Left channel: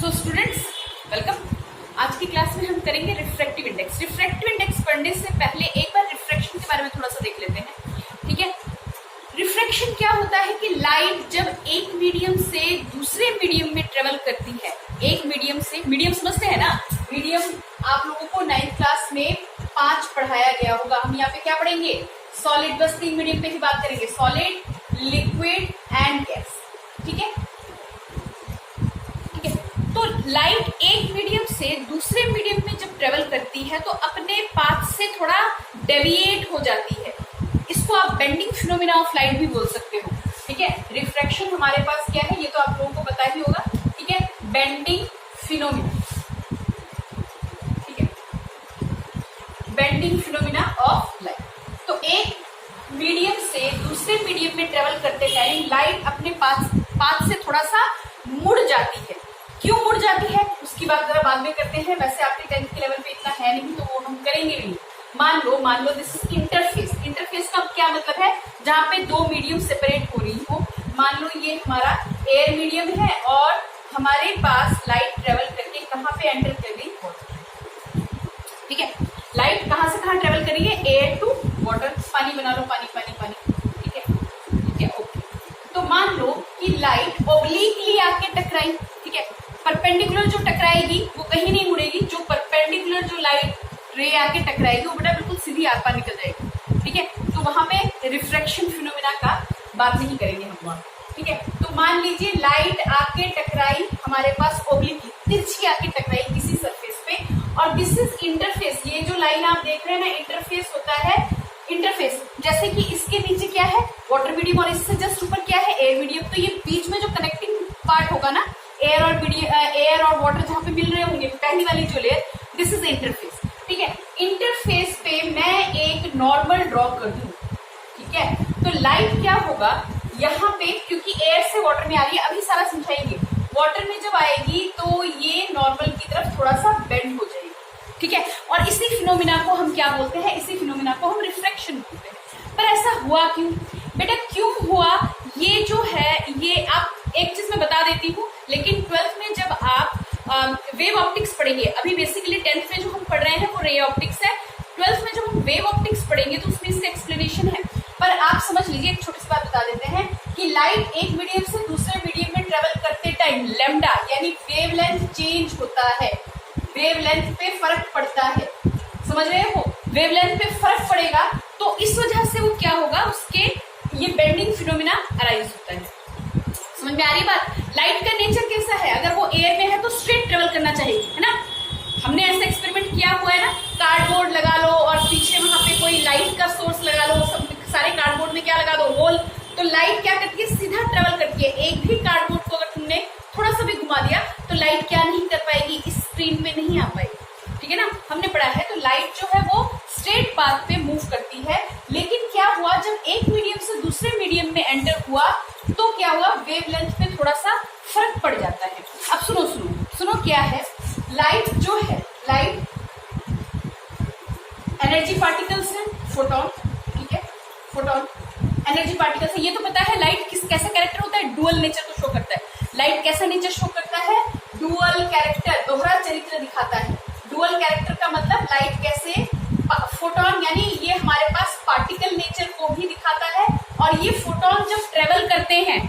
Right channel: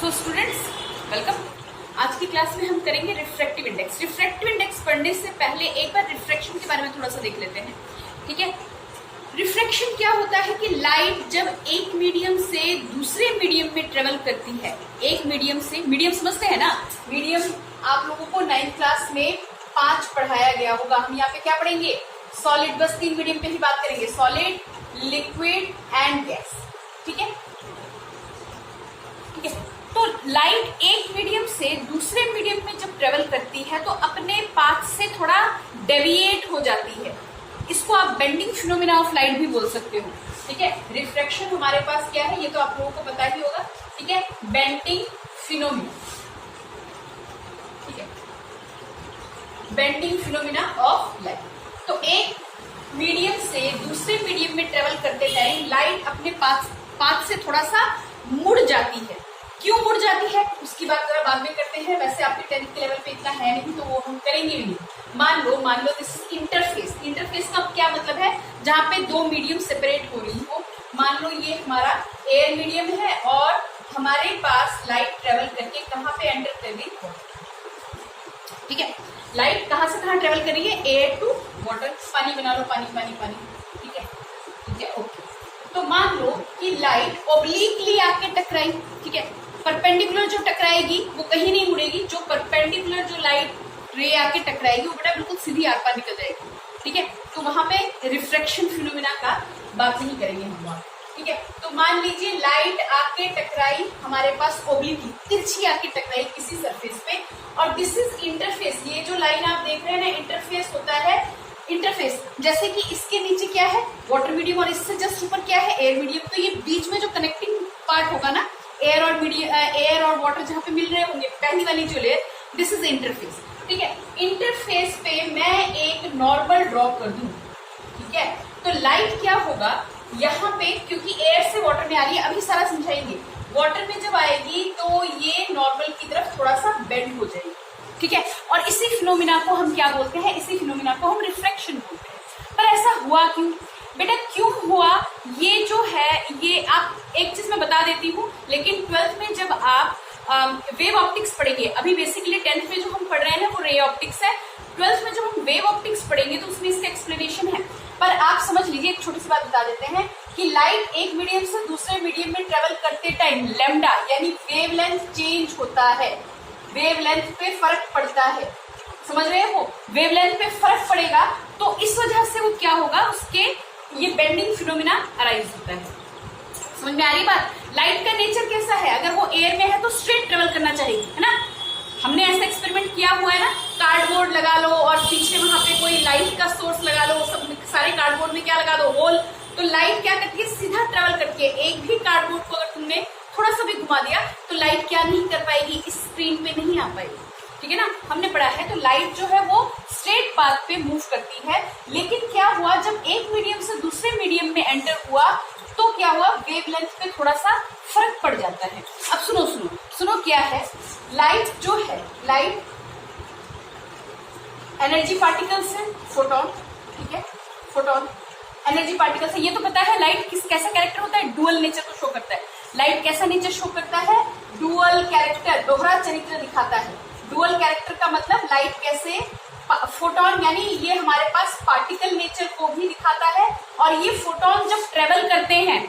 So students welcome. आज की class में हम करेंगे रिफ्रैक्टिव इंडेक्स। रिफ्रैक्टिव इंडेक्स पढ़ने से पहले एक बार रिफ्रैक्शन के बारे में थोड़ा सा देख लेते हैं, ठीक है। रिफ्रैक्शन क्या होता है कि लाइट जब एक मीडियम से दूसरे मीडियम में ट्रेवल करती है, एक मीडियम से, मीडियम समझते हैं ना, मीडियम आप लोगों को 9th क्लास में 5 पढ़ाया गया होगा। हम यहाँ पे क्या पढ़ेंगे? सॉलिड, बस 3 मीडियम पे ही बात करेंगे, सॉलिड, लिक्विड एंड गैस, ठीक है। तो लाइट एक मीडियम से दूसरे मीडियम में जब ट्रेवल करती है तो अपने पाथ से थोड़ा डेविएट हो जाती है। इसको आप बेंडिंग फिनोमिना ऑफ लाइट भी बोल सकते हो, ठीक है। रिफ्रैक्शन हमारे पास क्या है ये तो आप लोगों को पता ही होगा, ठीक है। बेंडिंग फिनोमिना, ठीक है, बेंडिंग फिनोमिना ऑफ लाइट। तो एक मीडियम से दूसरे मीडियम में ट्रेवल करते टाइम लाइट अपने पाथ से थोड़ा सा मुड़ जाती है। क्यों मुड़ जाती है उसकी बात जरा बाद में करते हैं। वैसे आपके 10th के लेवल पे इतना है नहीं तो वो हम करेंगे भी। मान लो दिस इज इंटरफेस। इंटरफेस का क्या मतलब है? जहां पे दो मीडियम सेपरेट हो रही हो। मान लो ये हमारा एयर मीडियम है और हमारे पास लाइट ट्रेवल करके कहाँ पे एंटर कर रही है? ठीक है, लाइट कहाँ से कहाँ ट्रेवल कर रही है? Air to water. पानी बना लो, पानी पानी पानी, ठीक है, ठीक है, ओके। तो मान लो कि लाइट ओब्लिकली आके टकराई, ठीक है। परपेंडिकुलर जो टकराएगी वो कहीं नहीं मुड़ेगी, जो परपेंडिकुलर जो लाइट रे आके टकराएगी वो बेटा बिल्कुल सीधी आर पार निकल जाएगी, ठीक है। तो वहां पे रिफ्रैक्शन फिनोमिना का बात नहीं करेंगे हम वहां, ठीक है। तो मान लीजिए लाइट आके टकराई हमारे पास ओब्लिकली, तिरछी आके टकराई किसी सरफेस पे, और दिस इज इंटरफेस। ये जो लाइन आप देख रहे हैं ना, इंटरफेस होता है। इंटरफेस जैसे कि इसके नीचे क्या है? वाटर मीडियम, और इससे जस्ट ऊपर क्या है? Air medium. तो ये बीच में जो कनेक्टिंग पार्ट होगा ना, एयर और वाटर जहां पे मिल रहे होंगे, पहली वाली जो लेयर, दिस इज इंटरफेस, ठीक है। इंटरफेस पे मैं एक नॉर्मल ड्रॉ कर दूं, ठीक है। तो लाइट क्या होगा यहाँ पे, क्योंकि एयर से वाटर में आ रही है, अभी सारा समझाएंगे। वाटर में जब आएगी तो ये नॉर्मल की तरफ थोड़ा सा बेंड हो जाएगी, ठीक है। और इसी फिनोमिना को हम क्या बोलते हैं? इसी फिनोमिना को हम रिफ्रैक्शन बोलते हैं। पर ऐसा हुआ क्यों बेटा? क्यों हुआ? ये जो है, ये आप एक चीज मैं बता देती हूँ, लेकिन 12th में जब आप वेव ऑप्टिक्स पढ़ेंगे, अभी बेसिकली 10th में जो हम पढ़ रहे हैं वो रे ऑप्टिक्स है। 12th में जब हम वेव ऑप्टिक्स पढ़ेंगे तो उसमें इसका एक्सप्लेनेशन है। पर आप समझ लीजिए, एक छोटी सी बात बता देते हैं कि लाइट एक मीडियम से दूसरे मीडियम में ट्रेवल करते टाइम लैम्डा यानी वेवलेंथ चेंज होता है। वेवलेंथ पे फर्क पड़ता है, समझ रहे हो? वेवलेंथ पे फर्क पड़ेगा तो इस वजह से वो क्या होगा, उसके ये बेंडिंग फिनोमिना अराइज होता है। समझ में आ रही बात? लाइट का नेचर कैसा है? अगर वो एयर में है तो स्ट्रेट ट्रेवल करना चाहिए, है ना। हमने ऐसा एक्सपेरिमेंट किया हुआ है ना, कार्डबोर्ड लगा लो और पीछे वहां पे कोई लाइट का सोर्स लगा लो, सब सारे कार्डबोर्ड में क्या लगा दो? होल। तो लाइट क्या करती है? सीधा ट्रेवल करती है। एक भी कार्डबोर्ड को अगर तुमने थोड़ा सा भी घुमा दिया तो लाइट क्या नहीं कर पाएगी? इस स्क्रीन पे नहीं आ पाएगी, ठीक है ना। हमने पढ़ा है। तो लाइट जो है वो स्ट्रेट पाथ पे मूव करती है। लेकिन क्या हुआ, जब एक मीडियम से दूसरे मीडियम में एंटर हुआ तो क्या हुआ? वेवलेंथ पे थोड़ा सा फर्क पड़ जाता है। अब सुनो सुनो सुनो, क्या है? लाइट जो है, लाइट एनर्जी पार्टिकल्स है, फोटोन, ठीक है, फोटोन एनर्जी पार्टिकल्स है। ये तो पता है लाइट कैसा कैरेक्टर होता है? डुअल नेचर को शो करता है। लाइट कैसा नेचर शो करता है? डुअल कैरेक्टर, दोहरा चरित्र दिखाता है। डुअल कैरेक्टर का मतलब लाइट कैसे, फोटोन यानी ये हमारे पास पार्टिकल नेचर को भी दिखाता है। और ये फोटोन जब ट्रेवल करते हैं,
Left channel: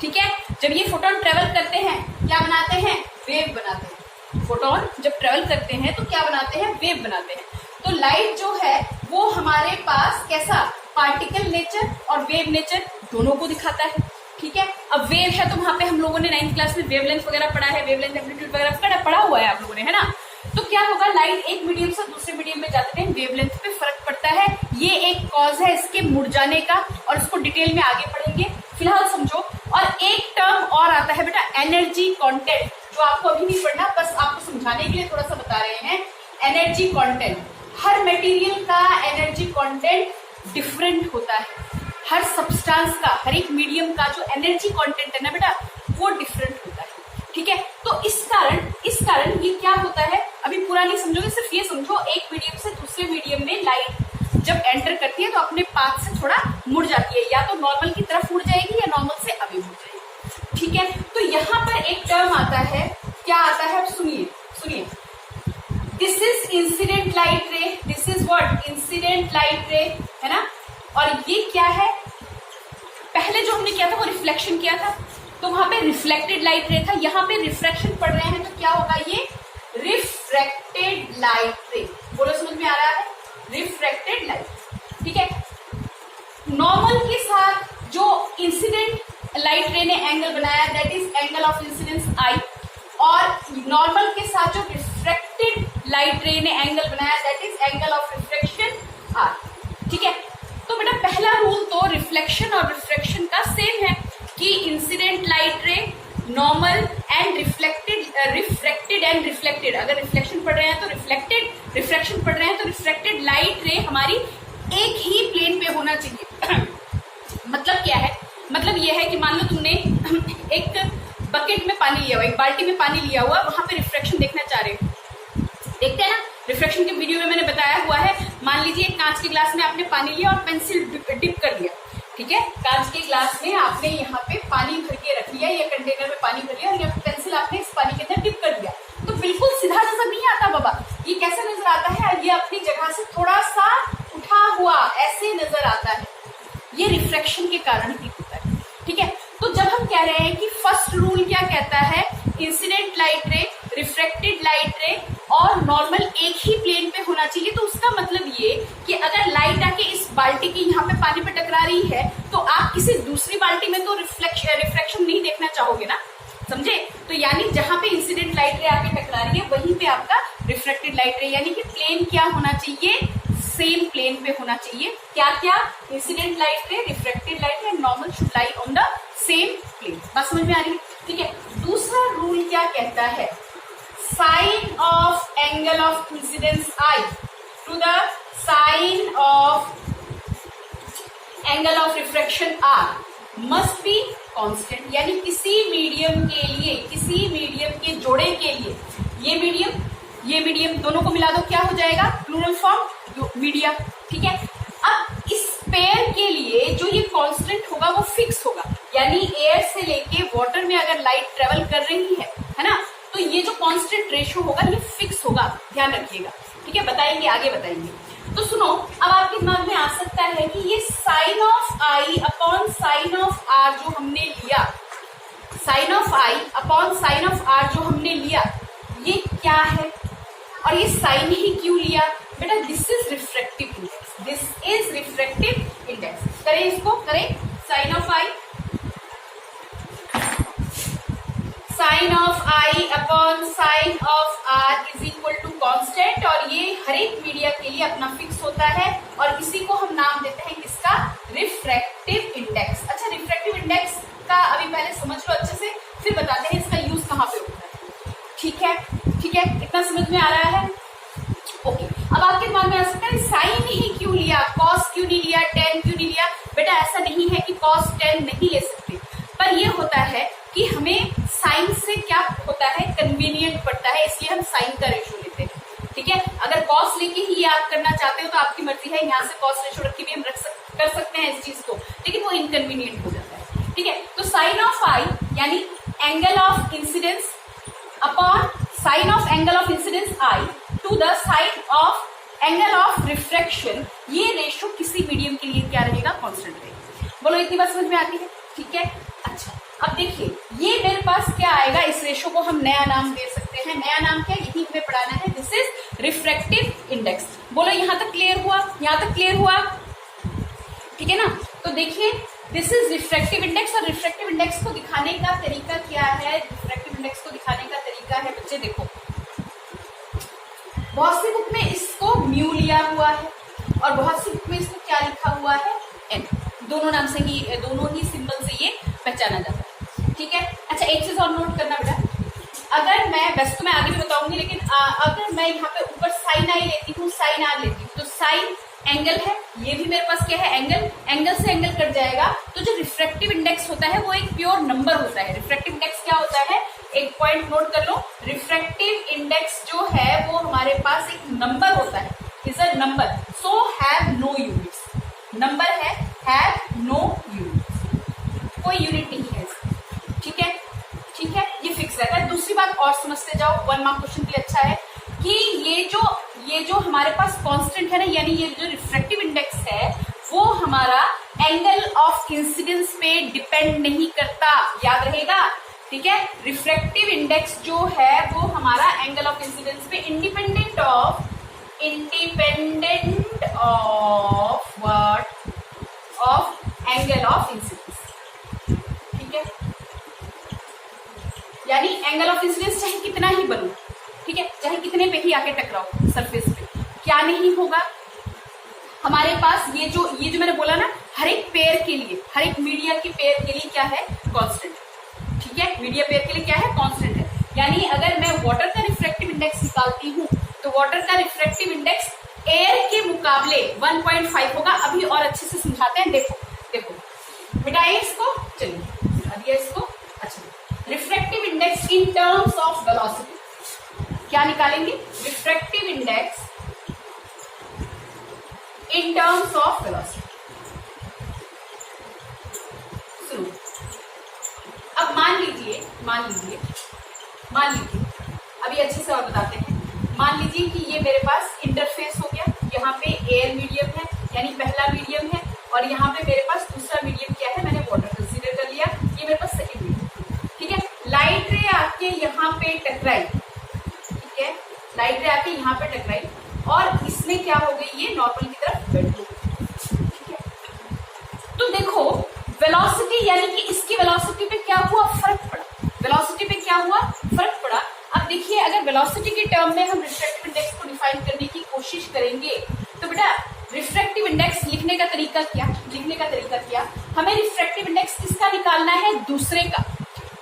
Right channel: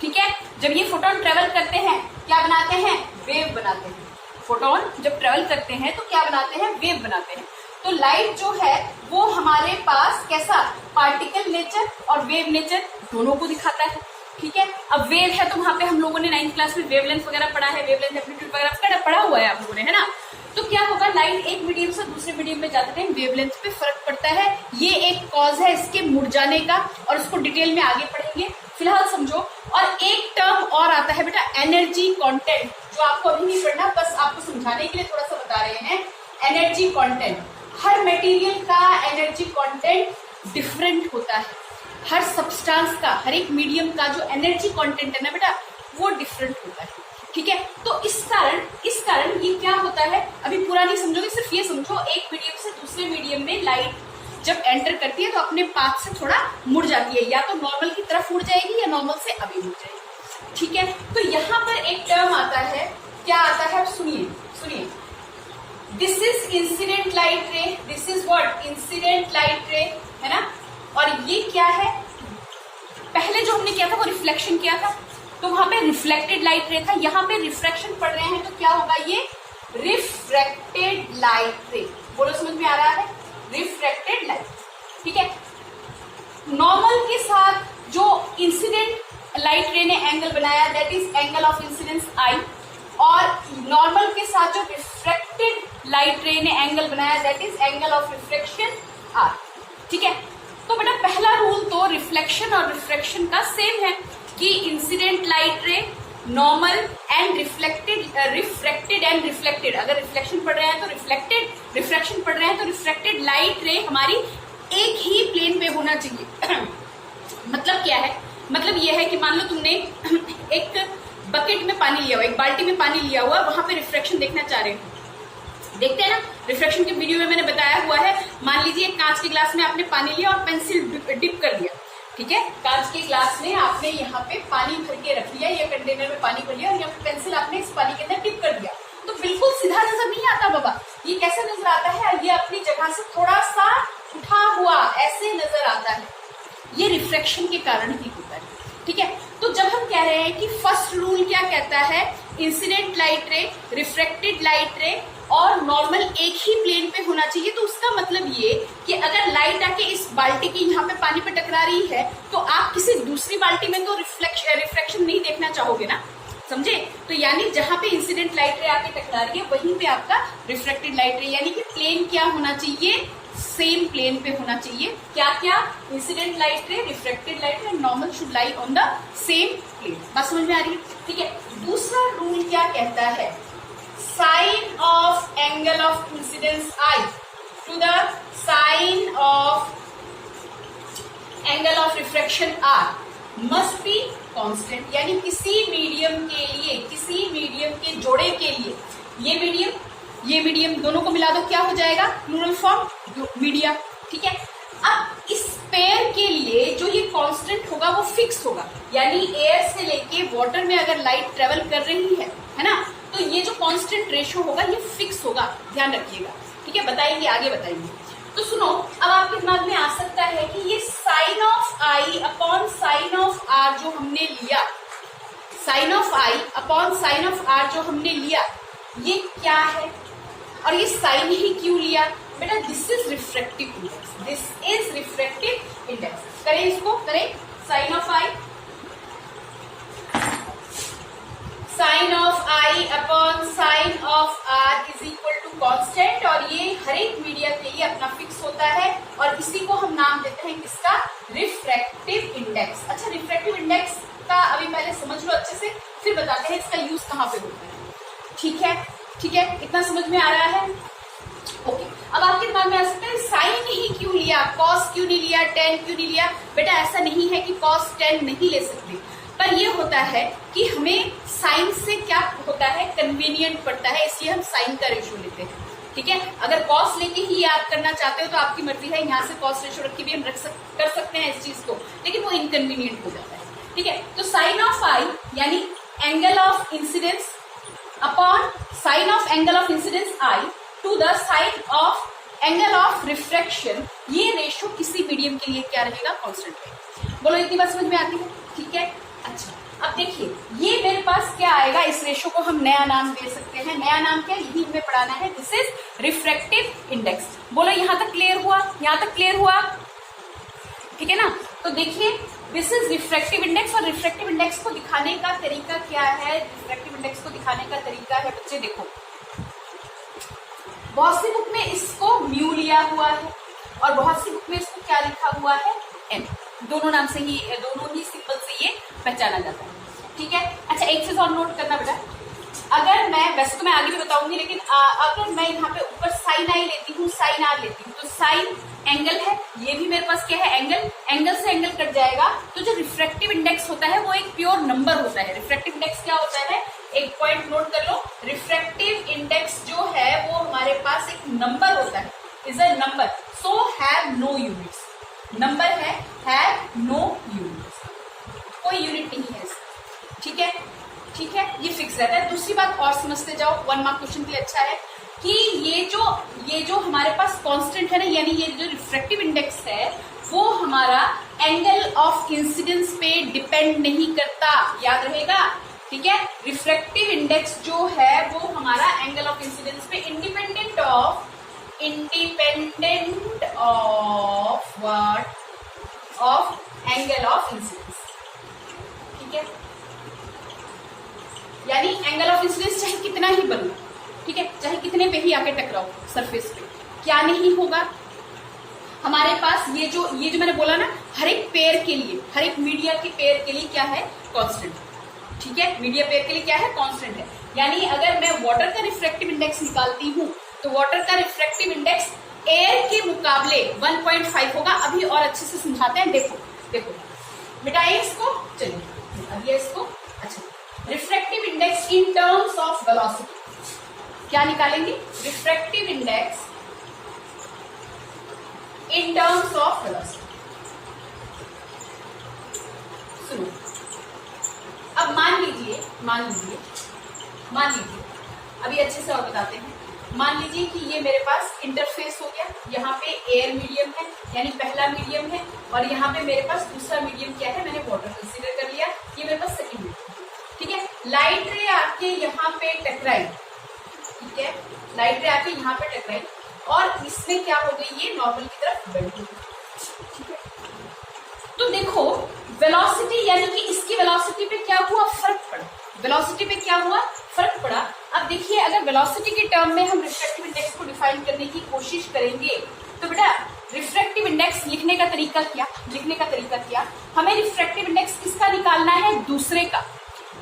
ठीक है, जब ये फोटोन ट्रेवल करते हैं क्या बनाते हैं? वेव बनाते हैं। फोटोन जब ट्रेवल करते हैं तो क्या बनाते हैं? वेव बनाते हैं। तो लाइट जो है वो हमारे पास कैसा, पार्टिकल नेचर और वेव नेचर दोनों को दिखाता है, ठीक है। अब वेव है तो वहां पे हम लोगों ने 9th क्लास में वेवलेंथ वगैरह पढ़ा है, वेवलेंथ एम्पलीट्यूड वगैरह पढ़ा हुआ है आप लोगों ने, है ना। तो क्या होगा, लाइट एक मीडियम से दूसरे मीडियम में जाते टाइम वेवलेंथ पे फर्क पड़ता है। ये एक कॉज है इसके मुड़ जाने का, और इसको डिटेल में आगे पढ़ेंगे, फिलहाल समझो। और एक टर्म और आता है बेटा, एनर्जी कंटेंट, जो आपको अभी नहीं पढ़ना, बस आपको समझाने के लिए थोड़ा सा बता रहे हैं। एनर्जी कंटेंट, हर मटेरियल का एनर्जी कंटेंट डिफरेंट होता है। हर सब्सटेंस का, हर एक मीडियम का जो एनर्जी कंटेंट है ना बेटा, वो डिफरेंट होता है, ठीक है। तो इस कारण ये क्या होता है, अभी पूरा नहीं समझोगे, सिर्फ ये समझो, एक मीडियम से दूसरे मीडियम में लाइट जब एंटर करती है तो अपने पाथ से थोड़ा मुड़ जाती है, या तो नॉर्मल की तरफ मुड़ जाएगी या नॉर्मल से आगे मुड़ जाएगी, ठीक है। तो यहाँ पर एक टर्म आता है, क्या इज इंसिडेंट लाइट रे, this is what incident light रे, है ना। और ये क्या है, पहले जो हमने किया था वो रिफ्लेक्शन किया था, तो वहां पे रिफ्लेक्टेड लाइट रे था, यहाँ पे रिफ्रैक्शन पढ़ रहे हैं तो क्या होगा, ये रिफ्रैक्टेड लाइट रे। बोलो समझ में आ रहा है, रिफ्रैक्टेड लाइट, ठीक है। नॉर्मल के साथ जो इंसिडेंट लाइट रे ने एंगल बनाया that is angle of incidence I, और नॉर्मल के साथ जो रिफ्रैक्टेड लाइट रे ने एंगल बनाया that is angle of refraction R, ठीक है। तो बेटा पहला रूल तो रिफ्लेक्शन और रिफ्रैक्शन का सेम है कि incident light ray, normal and reflected and reflected, अगर रिफ्लेक्शन पढ़ रहे हैं तो रिफ्लेक्टेड, रिफ्रैक्शन पढ़ रहे हैं तो रिफ्रैक्टेड लाइट रे हमारी एक ही प्लेन पे होना चाहिए। मतलब क्या है, मतलब यह है कि मान लो तुमने एक बकेट में पानी लिया हुआ, एक बाल्टी में पानी लिया हुआ, वहां पे रिफ्रैक्शन देखना चाह रहे हो, देखते हैं ना, रिफ्रैक्शन के वीडियो में मैंने बताया हुआ है। मान लीजिए कांच के ग्लास में आपने पानी लिया और पेंसिल डिप कर दिया, ठीक है। कांच के ग्लास में आपने यहाँ पे पानी भर के रख लिया, या कंटेनर में पानी भर लिया और यहाँ पे पेंसिल आपने इस पानी के अंदर डिप कर दिया, तो बिल्कुल सीधा नजर नहीं आता बाबा। ये कैसे नजर आता है, ये अपनी जगह से थोड़ा सा उठा हुआ ऐसे नजर आता है, ये रिफ्रैक्शन के कारण ही होता है, ठीक है। तो जब हम कह रहे हैं कि फर्स्ट रूल क्या कहता है, इंसिडेंट लाइट रे, रिफ्रैक्टेड लाइट रे और नॉर्मल एक ही प्लेन पे होना चाहिए, तो उसका मतलब ये कि अगर लाइट आके इस बाल्टी की यहाँ पे पानी पे टकरा रही है तो आप किसी दूसरी बाल्टी में तो रिफ्रैक्शन नहीं देखना चाहोगे ना, समझे। तो यानी जहां पे इंसिडेंट लाइट रे आके टकरा रही है वहीं पे आपका रिफ्लेक्टेड लाइट रे, यानी कि प्लेन क्या होना चाहिए, सेम प्लेन पे होना चाहिए। क्या क्या, incident light ray, reflected light ray, normal should lie on the same plane. बात समझ में आ रही है, ठीक है। दूसरा रूल क्या कहता है, sine of angle of incidence I to the sine of angle of refraction R must be constant, यानी किसी मीडियम के लिए, किसी मीडियम के जोड़े के लिए, ये मीडियम दोनों को मिला दो, क्या हो जाएगा, प्लूरल फॉर्म मीडिया, ठीक है। अब इस पेयर के लिए जो ये कांस्टेंट होगा वो फिक्स होगा, यानी एयर से लेके वाटर में अगर लाइट ट्रेवल कर रही है ना, तो ये जो कांस्टेंट रेशियो होगा ये फिक्स होगा, ध्यान रखिएगा, ठीक है। बताएंगे, आगे बताएंगे। तो सुनो, अब आपके दिमाग में आ सकता है कि ये sine of I upon sine of R जो हमने लिया, sine of I upon sine of R जो हमने लिया, ये क्या है और ये साइन ही क्यों लिया बेटा, this is refractive index, this is refractive index. करें इसको, करें, sine of I, sine of I upon sine of R is equal to constant, और ये हर एक मीडिया के लिए अपना फिक्स होता है, और इसी को हम नाम देते हैं किसका, रिफ्रैक्टिव इंडेक्स। अच्छा, रिफ्रैक्टिव इंडेक्स का अभी पहले समझ लो अच्छे से, फिर बताते हैं इसका यूज कहाँ पे होता है, ठीक है, ठीक है। इतना समझ में आ रहा है, ओके। अब आपके दिमाग में आ सकता है साइन ही क्यों लिया, कॉस क्यों नहीं लिया, टेन क्यों नहीं लिया। बेटा ऐसा नहीं है कि कॉस टेन नहीं ले सकते, पर ये होता है कि हमें साइन से क्या होता है, कन्वीनियंट पड़ता है, इसलिए हम साइन का रेशियो लेते हैं, ठीक है। अगर कॉस लेके ही याद करना चाहते हो तो आपकी मर्जी है, यहाँ से कॉस रेशियो रख के भी हम कर सकते हैं इस चीज को, लेकिन वो इनकन्वीनियंट हो जाता है, ठीक है। तो साइन ऑफ आई यानी angle of incidence upon sine of angle of incidence I to the sine of angle of refraction, ये रेशियो किसी मीडियम के लिए क्या रहेगा, कांस्टेंट रहेगा। बोलो इतनी बात समझ में आती है, ठीक है। अच्छा, अब देखिए ये मेरे पास क्या आएगा, इस रेशियो को हम नया नाम दे सकते हैं, नया नाम क्या, यही हमें पढ़ाना है, दिस इज रिफ्रैक्टिव इंडेक्स। बोलो यहां तक क्लियर हुआ, यहां तक क्लियर हुआ, ठीक है ना। तो देखिए दिस इज रिफ्रैक्टिव इंडेक्स, और रिफ्रैक्टिव इंडेक्स को दिखाने का तरीका क्या है, रिफ्रैक्टिव इंडेक्स को दिखाने का तरीका है बच्चे, देखो बहुत सी बुक में इसको म्यू लिया हुआ है और बहुत सी बुक में इसको क्या लिखा हुआ है, एन, दोनों नाम से ही, दोनों ही सिंबल से ये पहचाना जाता है, ठीक है। अच्छा, एक चीज और नोट करना बेटा, अगर मैं, वैसे तो मैं आगे भी बताऊंगी, लेकिन अगर मैं यहाँ पे ऊपर साइन आई लेती हूँ, साइन आर लेती हूँ, तो साइन एंगल है, ये भी मेरे पास क्या है, एंगल, एंगल से एंगल कट जाएगा, तो जो रिफ्रैक्टिव इंडेक्स होता है वो एक प्योर नंबर होता है। रिफ्रैक्टिव इंडेक्स क्या होता है, एक पॉइंट नोट कर लो, रिफ्रैक्टिव इंडेक्स जो है वो हमारे पास एक नंबर होता है, is a number, so have no units, number है, हैव नो यूनिट्स, कोई यूनिट नहीं है इसका, ठीक है, ठीक है, ये फिक्स रहता है। दूसरी बात और समझते जाओ, 1 मार्क क्वेश्चन भी अच्छा है, कि ये जो हमारे पास कांस्टेंट है ना, यानी ये जो रिफ्रैक्टिव इंडेक्स है वो हमारा एंगल ऑफ इंसिडेंस पे डिपेंड नहीं करता, याद रहेगा। ठीक है, रिफ्रैक्टिव इंडेक्स जो है वो हमारा एंगल ऑफ इंसिडेंस पे independent of what, of angle of incidence. ठीक है, यानी एंगल ऑफ इंसिडेंस चाहे कितना ही बनो, ठीक है, चाहे कितने पे ही आके टकराओ सरफेस पे, क्या नहीं होगा, हमारे पास ये जो मैंने बोला ना, हर एक पेयर के लिए, हर एक मीडिया की पेयर के लिए क्या है, कांस्टेंट। ठीक है, मीडिया पेयर के लिए क्या है, कांस्टेंट है। यानी अगर मैं वाटर का रिफ्रैक्टिव इंडेक्स निकालती हूं तो वाटर का रिफ्रैक्टिव इंडेक्स एयर के मुकाबले 1.5 होगा। अभी और अच्छे से समझाते हैं, देखो मिटाइए इसको, चलिए मिटा दिया इसको। अच्छा, refractive index in terms of velocity क्या निकालेंगे, refractive index in terms of velocity. शुरू। अब मान लीजिए अभी अच्छे से और बताते हैं। मान लीजिए कि ये मेरे पास इंटरफेस हो गया, यहाँ पे एयर मीडियम है, यानी पहला मीडियम है, और यहाँ पे मेरे पास दूसरा मीडियम क्या है, मैंने वाटर कंसीडर कर लिया, ये मेरे पास सेकेंड मीडियम। ठीक है, लाइट रे आके यहाँ पे टकराई, ठीक है, लाइट रे आके यहाँ पे टकराई और इसमें क्या हो गई, ये नॉर्मल की तरफ बेंड हो गई। ठीक है, तो देखो वेलोसिटी, यानी कि इसकी वेलोसिटी पे क्या हुआ, फर्क पड़ा, वेलोसिटी पे क्या हुआ, फर्क पड़ा। अब देखिए, अगर वेलोसिटी के टर्म में हम रिफ्रैक्टिव इंडेक्स को डिफाइन करने की कोशिश करेंगे तो बेटा रिफ्रैक्टिव इंडेक्स लिखने का तरीका क्या, हमें रिफ्रैक्टिव इंडेक्स किसका निकालना है, दूसरे का,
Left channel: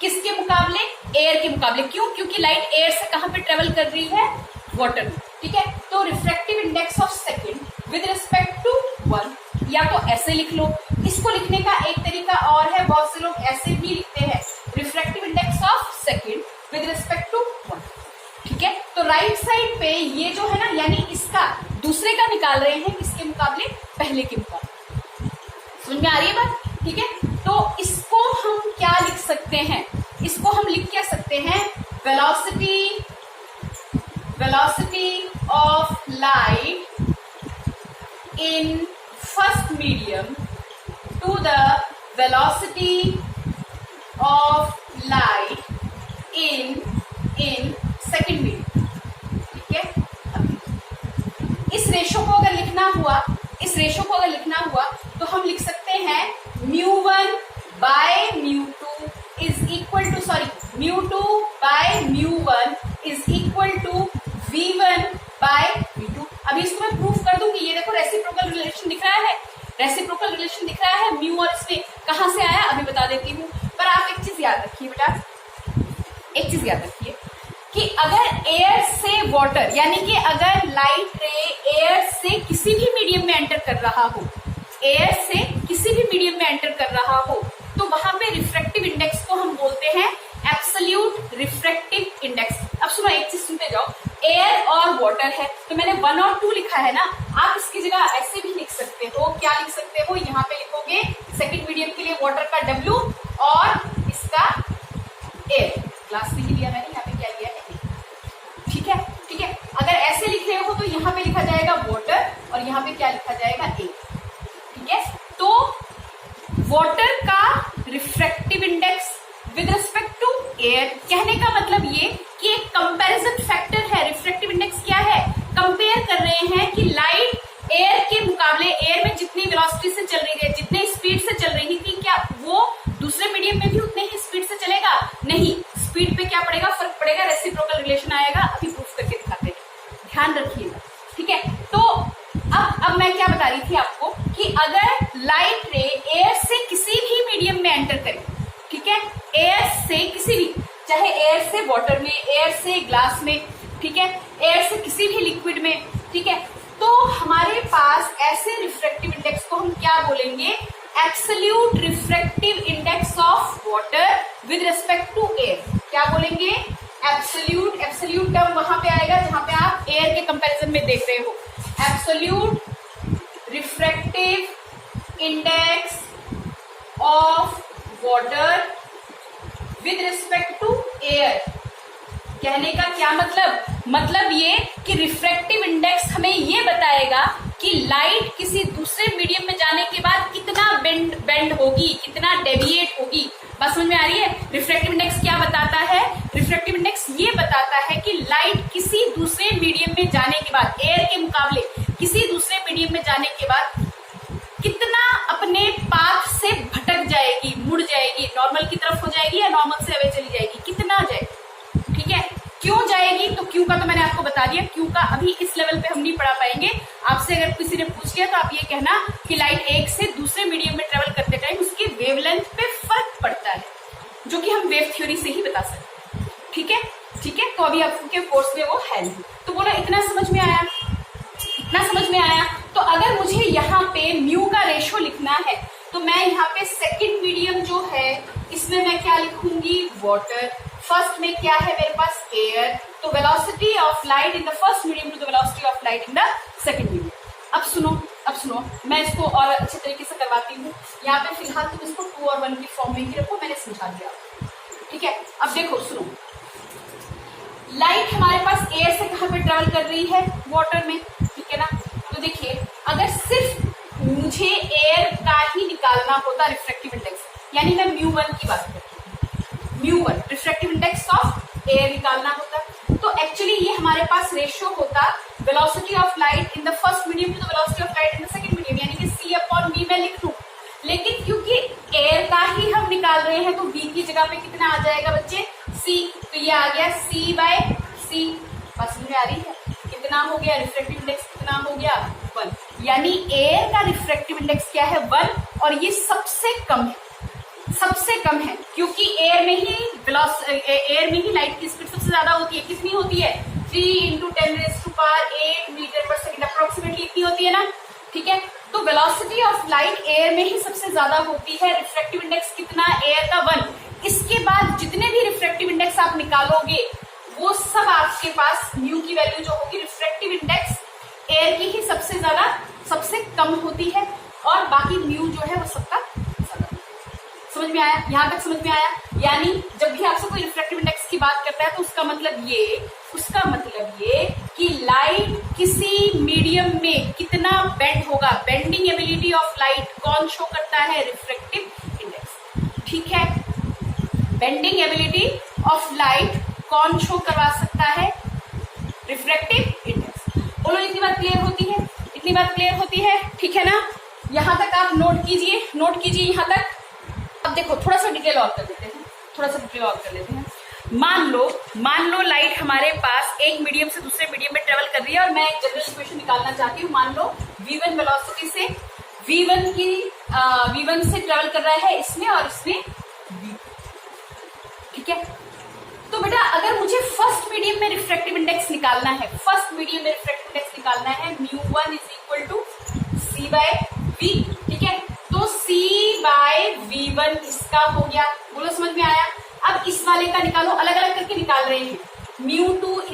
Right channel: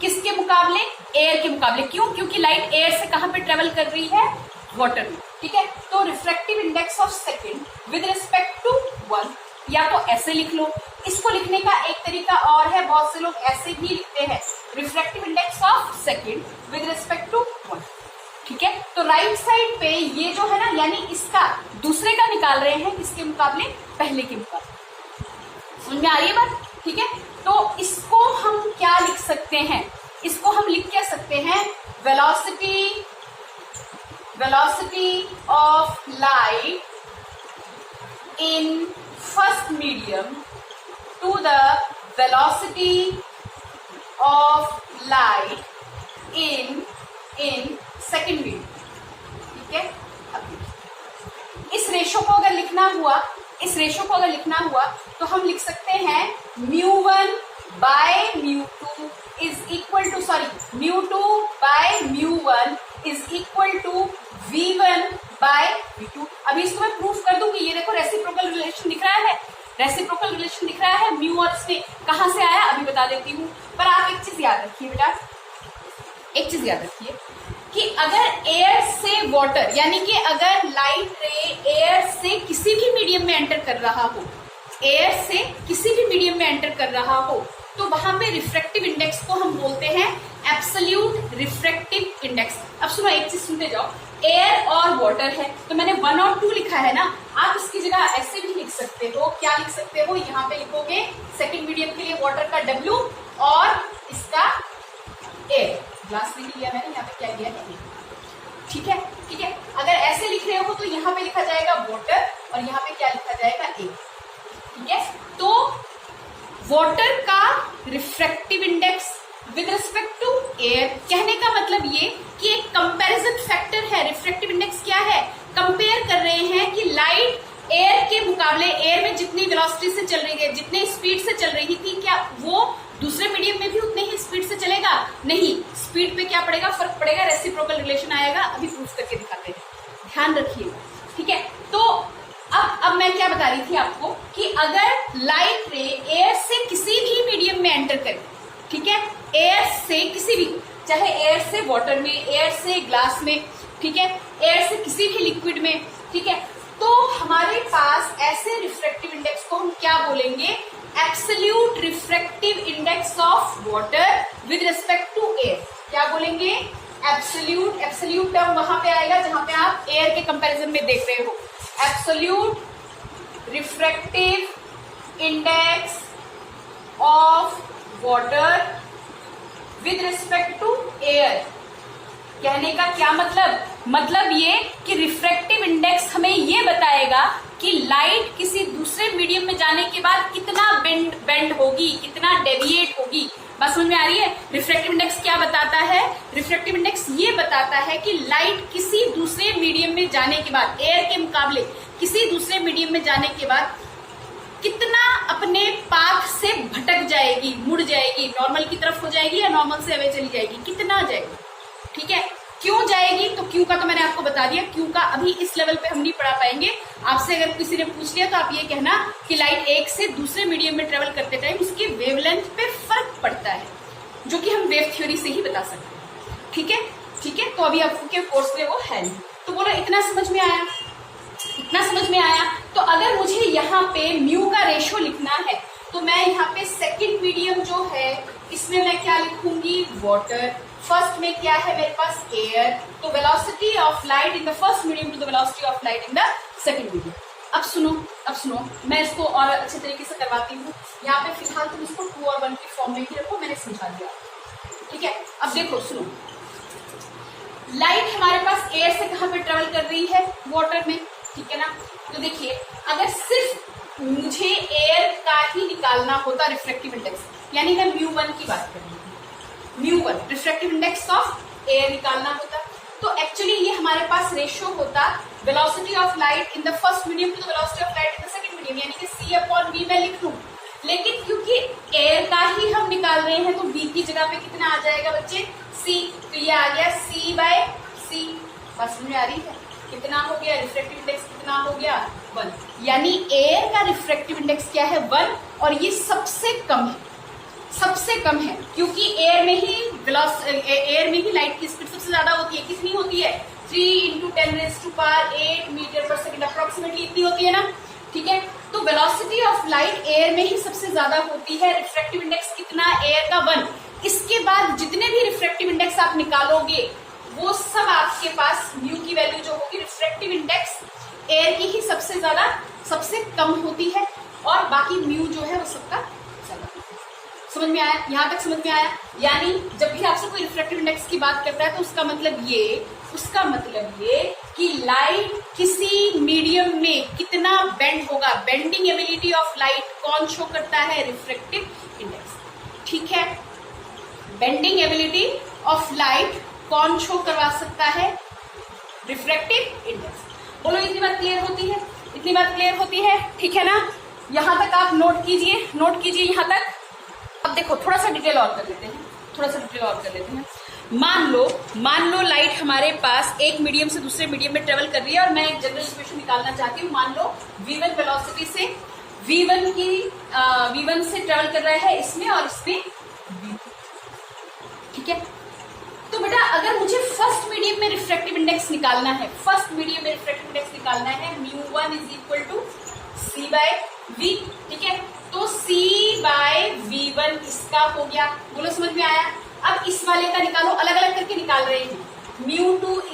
किसके मुकाबले, एयर के मुकाबले। क्यों, क्योंकि लाइट एयर से कहां पे ट्रेवल कर रही है, वाटर में। ठीक है, तो refractive index of second with respect to 1, या तो ऐसे लिख लो, इसको लिखने का एक तरीका और है, बहुत से लोग ऐसे भी लिखते हैं, refractive index of second with respect to 1। ठीक है, तो राइट साइड पे ये जो है ना, यानी इसका दूसरे का निकाल रहे हैं, किसके मुकाबले, पहले के मुकाबले। समझ में आ रही है बात। ठीक है, तो इसको हम क्या लिख सकते हैं, इसको हम लिख क्या सकते हैं, velocity of light in first medium to the velocity of light in second medium. ठीक है, इस रेशो को अगर लिखना हुआ तो हम लिख सकते हैं μ1 by μ2 is equal to, μ2 by μ1 is equal to v1 by v2। अभी इसको मैं प्रूफ कर दूंगी, ये देखो रेसिप्रोकल रिलेशन दिख रहा है, म्यू और इसमें कहां से आया अभी बता देती हूँ। पर आप एक चीज याद रखिए बेटा, एक चीज याद रखिए कि अगर एयर से वाटर, यानी कि अगर लाइट रे एयर से किसी भी मीडियम में एंटर कर रहा हो, तो वहां पे रिफ्रैक्टिव इंडेक्स को हम बोलते हैं एब्सोल्यूट रिफ्रैक्टिव इंडेक्स। अब सुनो, एक चीज सुनते जाओ, एयर और वाटर है तो मैंने 1 और 2 लिखा है ना, आप इसकी जगह ऐसे भी लिख सकते हो, क्या लिख सकते हो, यहाँ पे लिखोगे सेकंड मीडियम के लिए वाटर का W और इसका एयर, ग्लास भी लिया मैंने, यहाँ पे क्या लिया है, ठीक है, अगर ऐसे लिख रहे हो तो यहाँ पे लिखा जाएगा वाटर और यहाँ पे क्या लिखा जाएगा, एयर। ठीक है, तो वाटर का refractive index with respect to air, कहने का मतलब ये कि एक कंपैरिजन फैक्टर है। रिफ्रैक्टिव इंडेक्स क्या है, कंपेयर कर रहे हैं कि लाइट एयर के मुकाबले, एयर में जितनी वेलोसिटी से चल रही है, जितनी स्पीड से चल रही थी, क्या वो दूसरे मीडियम में भी उतने ही स्पीड से चलेगा, नहीं, स्पीड पे क्या पड़ेगा, फर्क पड़ेगा, रेसिप्रोकल रिलेशन आएगा। अभी प्रूफ करके दिखाते हैं, ध्यान रखिएगा। ठीक है, तो अब मैं क्या बता रही थी आपको कि अगर लाइट रे एयर से किसी भी मीडियम में एंटर करे, ठीक है, एयर से किसी भी, चाहे एयर से वाटर में, एयर से ग्लास में, ठीक है, एयर से किसी भी लिक्विड में, ठीक है, तो हमारे पास ऐसे रिफ्रैक्टिव इंडेक्स को हम क्या बोलेंगे, absolute refractive index of water with respect to air. क्या बोलेंगे, एब्सोल्यूट टर्म वहां पे आएगा जहां पे आप एयर के कंपैरिजन में देख रहे हो, absolute refractive index of water with respect to air कहने का क्या मतलब ये कि रिफ्रैक्टिव इंडेक्स हमें ये बताएगा कि लाइट किसी दूसरे मीडियम में जाने के बाद कितना बेंड होगी, कितना डेविएट होगी। बात समझ में आ रही है? रिफ्रैक्टिव इंडेक्स क्या बताता है? रिफ्रैक्टिव इंडेक्स ये बताता है कि लाइट किसी दूसरे मीडियम में जाने के बाद, एयर के मुकाबले किसी दूसरे मीडियम में जाने के बाद कितना अपने पाथ से भटक जाएगी, मुड़ जाएगी, नॉर्मल की तरफ हो जाएगी या नॉर्मल से अवे चली जाएगी, कितना जाएगी। ठीक है, क्यों जाएगी? तो क्यों का तो मैंने आपको बता दिया। क्यों का अभी इस लेवल पे हम नहीं पढ़ा पाएंगे। आपसे अगर किसी ने पूछ लिया तो आप ये कहना कि लाइट एक से दूसरे मीडियम में ट्रेवल करते टाइम उसकी वेवलेंथ पे फर्क पड़ता है, जो कि हम वेव थ्योरी से ही बता सकते हैं। ठीक है, ठीक है। तो अभी आपके कोर्स में वो है नहीं। तो बोलो इतना समझ में आया? इतना समझ में आया? तो अगर मुझे यहाँ पे म्यू का रेशो लिखना है तो मैं यहाँ पे सेकंड मीडियम जो है इसमें मैं क्या लिखूंगी? वाटर। फर्स्ट में क्या है मेरे पास? एयर। तो velocity of light in the first medium to the velocity of light in the second medium. अब सुनो, मैं इसको और अच्छे तरीके से करवाती हूँ। यहाँ पे फिलहाल तुम इसको 2 और 1 की फॉर्म में ही रखो, मैंने समझा दिया। ठीक है, अब देखो सुनो, लाइट हमारे पास एयर से कहां पे ट्रेवल कर रही है? वाटर में। ठीक है ना? तो देखिए, अगर सिर्फ मुझे एयर का ही निकालना होता रिफ्रैक्टिव इंडेक्स, यानी मैं म्यू1 की बात कर रही हूँ, म्यू1 रिफ्रैक्टिव इंडेक्स ऑफ एयर निकालना होता, तो एक्चुअली ये हमारे पास रेशियो होता velocity of light in the first medium to the velocity of light in the second medium, यानी कि C/V मैं लिख लूं। लेकिन क्योंकि एयर का ही हम निकाल रहे हैं तो V की जगह पे कितना आ जाएगा बच्चे? C। तो ये आ गया C/C। बस समझ में आ रही है? कितना हो गया? रिफ्रैक्टिव इंडेक्स कितना हो गया? 1। यानी एयर का रिफ्रैक्टिव इंडेक्स क्या है? 1। और ये सबसे कम है, क्योंकि एयर में ही लाइट की स्पीड सबसे ज्यादा होती है। कितनी होती है? 3 × 10⁸ मीटर पर सेकेंड अप्रोक्सीमेटली इतनी होती है ना। ठीक है, तो वेलोसिटी ऑफ लाइट एयर में ही सबसे ज्यादा होती है। रिफ्रैक्टिव इंडेक्स कितना? एयर का 1। इसके बाद जितने भी रिफ्रैक्टिव इंडेक्स आप निकालोगे वो सब आपके पास म्यू की वैल्यू जो होगी, रिफ्रैक्टिव इंडेक्स एयर की ही सबसे कम होती है और बाकी म्यू जो है वो सबका ज्यादा। समझ में आया? यहां तक समझ में आया? यानी जब भी आपसे कोई रिफ्रैक्टिव इंडेक्स की बात करता है तो उसका मतलब ये कि लाइट किसी मीडियम में कितना बेंड होगा, बेंडिंग एबिलिटी ऑफ लाइट कौन शो करता है? Refractive index. ठीक है, बेंडिंग एबिलिटी ऑफ लाइट कौन शो करवा सकता है? Refractive index. बोलो इतनी बात क्लियर होती है? इतनी बात क्लियर होती है? ठीक है ना? यहां तक आप नोट कीजिए यहां तक। अब देखो थोड़ा सा डिटेल और कर लेते हैं। मान लो लाइट हमारे पास एक मीडियम से दूसरे मीडियम में ट्रेवल कर रही है और मैं एक जनरल इक्वेशन निकालना चाहती हूँ। मान लो v1 वेलोसिटी से v1 से ट्रेवल कर रहा है इसमें और इसमें v2। ठीक है, तो बेटा अगर मुझे फर्स्ट मीडियम में रिफ्रैक्टिव इंडेक्स निकालना है, μ1 = C/V। ठीक है, तो C/V1 इसका हो गया। बोलो समझ में आया? अब इस वाले का निकालो, अलग अलग करके निकाल रहे हैं। μ2 =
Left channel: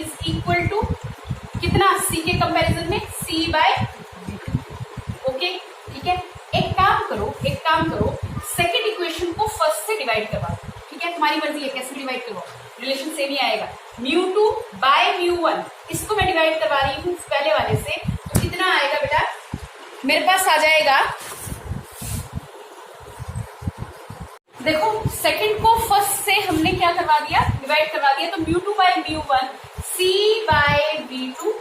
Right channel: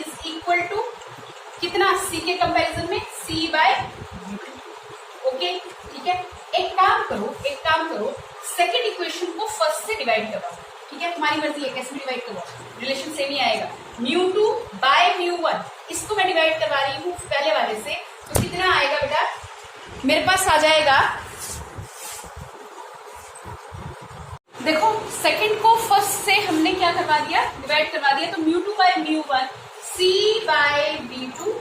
कितना? C के कंपैरिजन में C/V2। ओके, ठीक है। एक काम करो, सेकेंड इक्वेशन को फर्स्ट से डिवाइड करवा। ठीक है, तुम्हारी मर्जी है कैसे डिवाइड करो, रिलेशन सेम ही आएगा। μ2/μ1 इसको मैं डिवाइड करवा रही हूँ पहले वाले से, तो कितना आएगा बेटा? मेरे पास आ जाएगा, देखो सेकंड को फर्स्ट से हमने क्या करवा दिया? डिवाइड करवा दिया। तो μ2/μ1 C/V2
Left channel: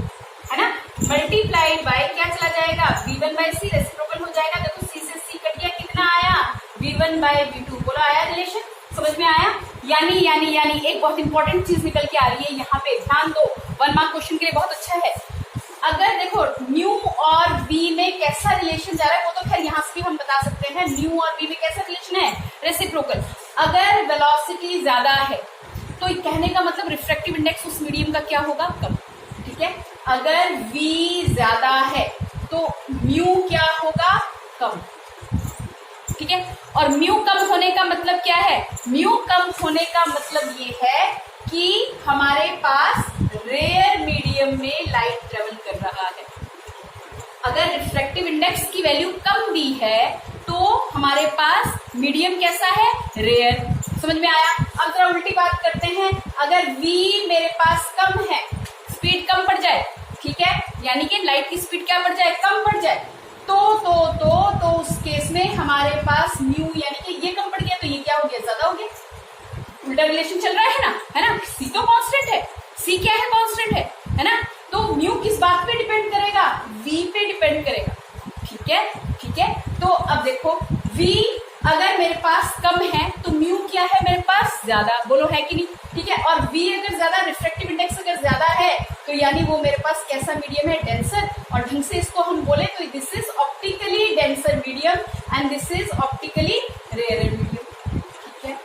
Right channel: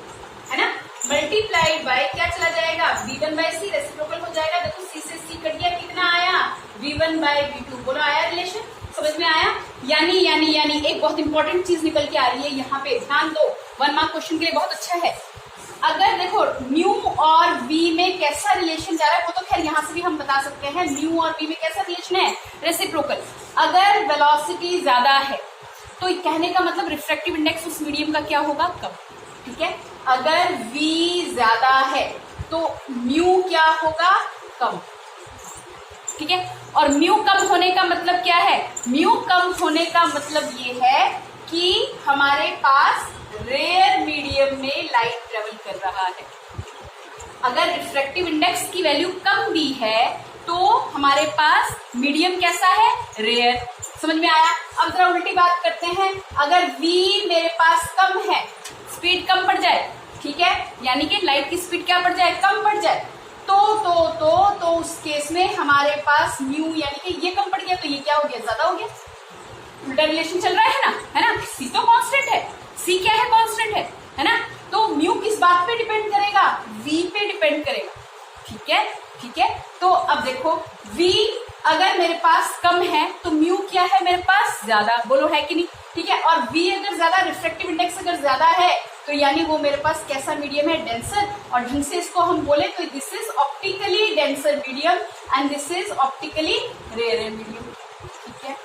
है ना, मल्टीप्लाइड बाय क्या चला जाएगा? V1/C, रेसिप्रोकल हो जाएगा। देखो C से C कट गया, कितना आया? V1/V2। बोलो आया रिलेशन? समझ में आया? यानी एक बहुत इंपॉर्टेंट चीज निकल के आ रही है यहाँ पे, ध्यान दो। 1 मार्क क्वेश्चन के लिए बहुत अच्छा है। अगर देखो म्यू और वी में कैसा रिलेशन जा रहा है, वो तो खैर यहाँ से भी हम बता सकते हैं। म्यू और वी में कैसा रिलेशन है? रेसिप्रोकल। अगर वेलोसिटी ज्यादा है तो कहने का मतलब रिफ्रैक्टिव इंडेक्स उस मीडियम का क्या होगा? कम। ठीक है, अगर वी ज्यादा है तो म्यू क्या होगा? कम। ठीक है, और म्यू कम होने का मतलब क्या है? म्यू कम होने का मतलब ये है कि हमारे पास रेयर मीडियम में लाइट ट्रेवल कर रहा है। अगर रिफ्रैक्टिव इंडेक्स की वैल्यू कम भी है तो हमारे पास मीडियम कैसा है? रेयर। समझ में आया? अब जरा उल्टी बात करते हैं, अगर v मेरे पास कम है, स्पीड कम पड़ जाए, ठीक है, यानी कि लाइट की स्पीड क्या पड़ जाए, कम पड़ जाए, तो उस केस में हमारे पास म्यू यानी कि ये कम पड़ गया, तो ये क्या हो गया, ज्यादा हो गया। उल्टा रिलेशन चल रहा है ना, सी तो कांस्टेंट है, सी क्या है, कांस्टेंट है ना, तो म्यू किस बात पे डिपेंड करेगा, v पे डिपेंड करेगा, ठीक है। तो अब देखो v अगर मेरे पास कम है तो म्यू क्या है मेरे पास, ज्यादा, बोलो है कि नहीं, ठीक है। और v अगर ज्यादा, रिफ्रैक्टिव इंडेक्स अगर ज्यादा है तो यानी वो मेरे पास कैसा मीडियम है, डेंसर, और ढंग से इसको हम बोले तो this is optically denser medium and this is optically rare medium, ठीक है।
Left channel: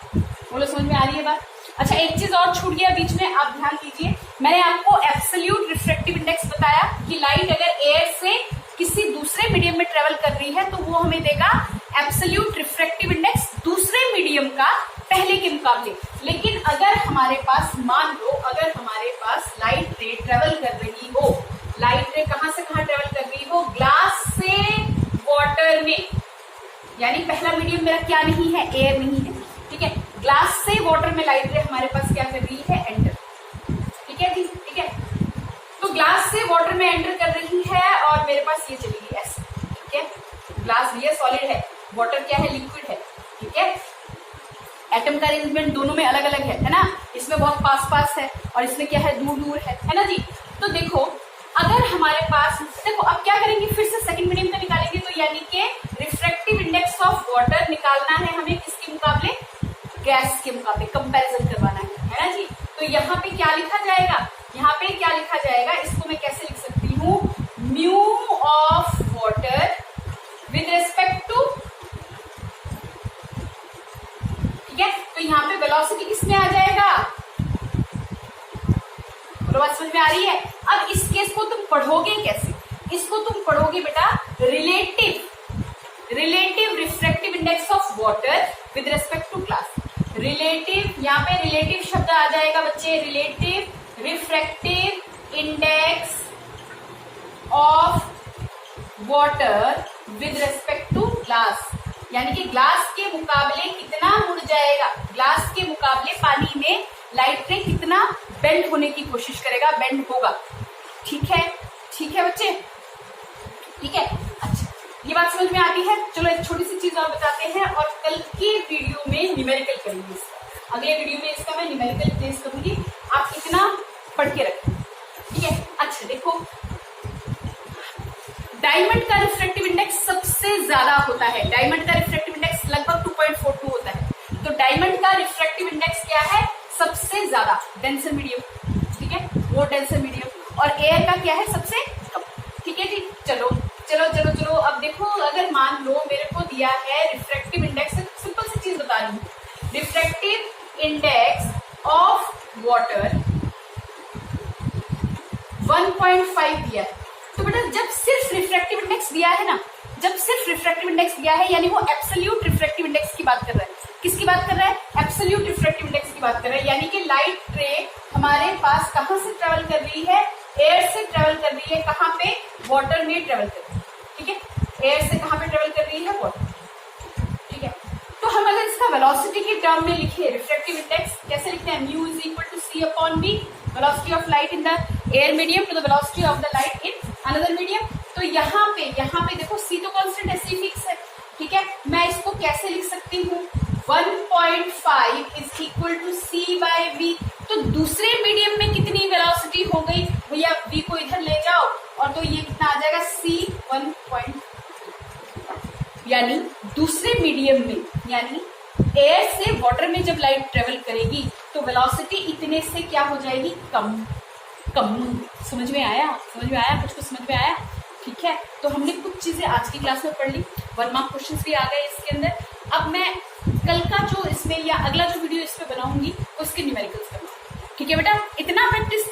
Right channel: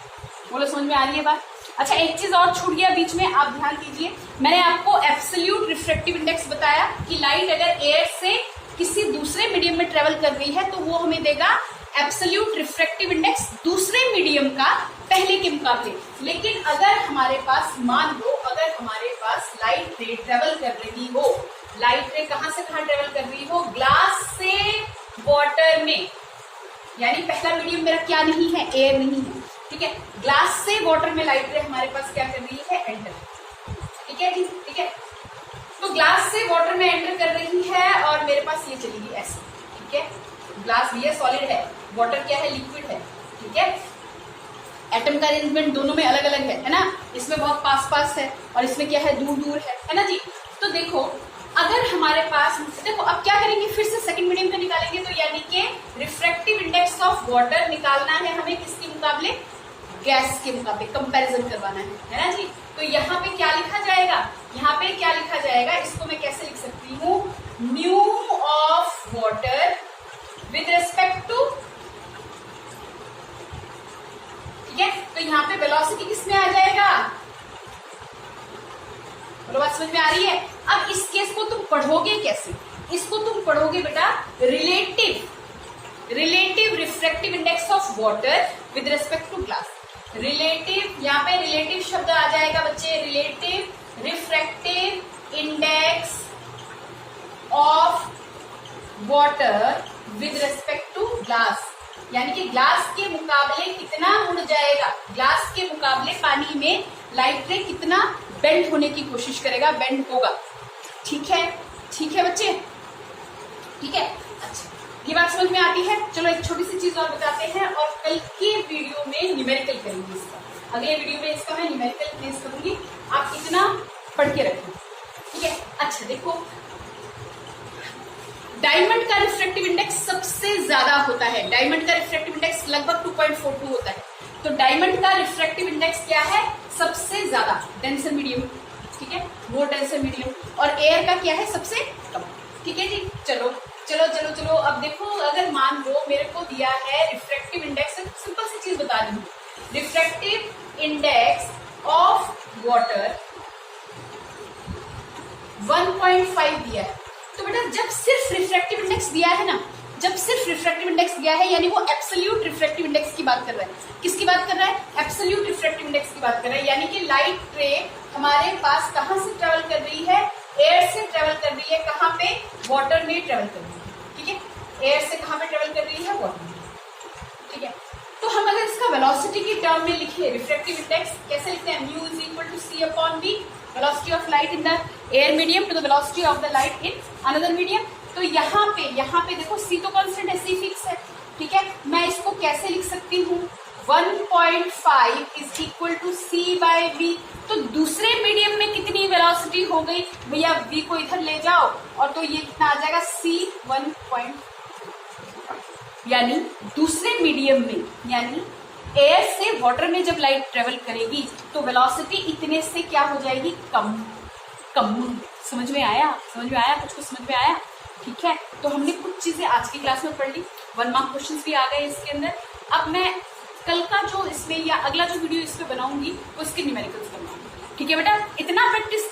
बोलो समझ में आ रही है बात? अच्छा, एक चीज और छूट गया बीच में, आप ध्यान दीजिए, मैंने आपको एब्सोल्यूट रिफ्रैक्टिव इंडेक्स बताया कि लाइट अगर एयर से किसी दूसरे मीडियम में ट्रेवल कर रही है तो वो हमें देगा एब्सोल्यूट रिफ्रैक्टिव इंडेक्स दूसरे मीडियम का पहले के मुकाबले। लेकिन अगर हमारे पास, मान लो अगर हमारे पास लाइट रे ट्रेवल कर रही हो, लाइट रे कहां से कहां ट्रेवल कर रही हो, ग्लास से वाटर में, यानी पहला मीडियम मेरा क्या नहीं है, एयर नहीं है, ठीक है, ग्लास से वाटर में लाइट रे हमारे पास क्या कर रही है, एंटर, ठीक है जी, ठीक है। तो ग्लास से वाटर में एंटर कर रही है और मेरे पास ये चलेगी ऐसे, ठीक है, ग्लास भी है, सॉलिड है, वाटर क्या है, लिक्विड है, ठीक है। एटम का अरेंजमेंट दोनों में अलग अलग है ना, इसमें बहुत पास पास है और इसमें क्या है, दूर दूर है ना जी। तो देखो अगर हमारे पास, देखो अब क्या करेंगे, फिर से सेकंड मीडियम का निकालेंगे, तो यानी कि रिफ्रैक्टिव इंडेक्स ऑफ वाटर निकालना है हमें, किसके मुकाबले, गैस के मुकाबले, कंपैरिजन करवाना है ना जी। तो यहाँ पे क्या लिखा जाएगा, यहाँ पे क्या लिखा जाएगा, इसको मैं कैसे लिख सकती हूँ, mu of water with respect to, ठीक है। तो यहाँ पे वेलोसिटी किसमें आ जाएगा, बात समझ में आ रही है? अब इस केस को तुम पढ़ोगे कैसे, इसको तुम पढ़ोगे बेटा relative refractive index of water with respect to glass. Relative, यहाँ पे रिलेटिव शब्द आ जाएगा बच्चे, relative refractive index of water with respect to glass, यानी कि ग्लास के मुकाबले कितना मुड़ जाएगा, ग्लास के मुकाबले पानी में लाइट रे कितना बेंड होने की कोशिश करेगा, बेंड होगा, ठीक है बच्चे, ठीक है। अच्छा, ये बात समझ में आती है? चलो एक छोटी सी चीज और बताते हैं और कल के वीडियो में न्यूमेरिकल करेंगे इसका, अगले वीडियो में इसका मैं न्यूमेरिकल प्लेस करूंगी, आप इतना पढ़ के रखें, ठीक है। अच्छा देखो, डायमंड का रिफ्रैक्टिव इंडेक्स सबसे ज्यादा होता है, डायमंड का रिफ्रैक्टिव इंडेक्स लगभग 2.42 होता है, तो डायमंड का रिफ्रैक्टिव इंडेक्स क्या है, सबसे ज्यादा, डेंसर मीडियम, ठीक है, वो डेंसर मीडियम, और एयर का क्या है, सबसे कम, ठीक है जी। चलो चलो चलो चलो, अब देखो अगर मान लो मेरे को दिया है रिफ्रैक्टिव इंडेक्स, सिंपल सी चीज बता रही हूँ, रिफ्रैक्टिव इंडेक्स ऑफ वाटर 1.5 दिया है, तो बेटा जब सिर्फ रिफ्रैक्टिव इंडेक्स दिया है ना, जब सिर्फ रिफ्रैक्टिव इंडेक्स दिया है यानी वो एब्सोल्यूट रिफ्रैक्टिव इंडेक्स की बात कर रहा है, किसकी बात कर रहा है, एब्सोल्यूट रिफ्रैक्टिव इंडेक्स की बात कर रहा है, यानी कि लाइट रे हमारे पास कहां से ट्रेवल कर रही है, एयर से ट्रेवल कर रही है, कहां पे, वाटर में ट्रेवल कर रही है, ठीक है, एयर से कहां पे ट्रेवल कर रही है, वाटर, ठीक है। तो हम अगर इसका वेलोसिटी के टर्म में लिखे रिफ्रैक्टिव इंडेक्स, कैसे लिखते हैं, mu is equal to C upon B, velocity of light in the air medium to the velocity of the light in another medium. तो यहाँ पे देखो सी तो कांस्टेंट है, सी फिक्स है, ठीक है, मैं इसको कैसे लिख सकती हूँ, 1.5 is equal to C by V, तो दूसरे मीडियम में कितनी वेलोसिटी हो गई भैया, वी को इधर ले जाओ और तो ये कितना आ जाएगा, सी 1. यानी दूसरे मीडियम में, यानी एयर से वाटर में जब लाइट ट्रेवल करेगी तो वेलोसिटी इतने से क्या हो जाएगी, कम। समझ में आया, कुछ समझ में आया, ठीक है। तो हमने कुछ चीजें आज की क्लास में पढ़ ली, 1 मार्क क्वेश्चंस भी आ गए इसके अंदर। अब मैं कल का जो इसमें या अगला जो वीडियो इस पे बनाऊंगी उसके न्यूमेरिकल्स बनाऊंगी, ठीक है बेटा। इतना प्रैक्टिस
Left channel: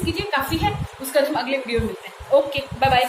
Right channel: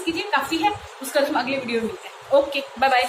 कीजिए, काफी है, उसका हम अगले वीडियो में मिलते हैं। Okay, bye bye.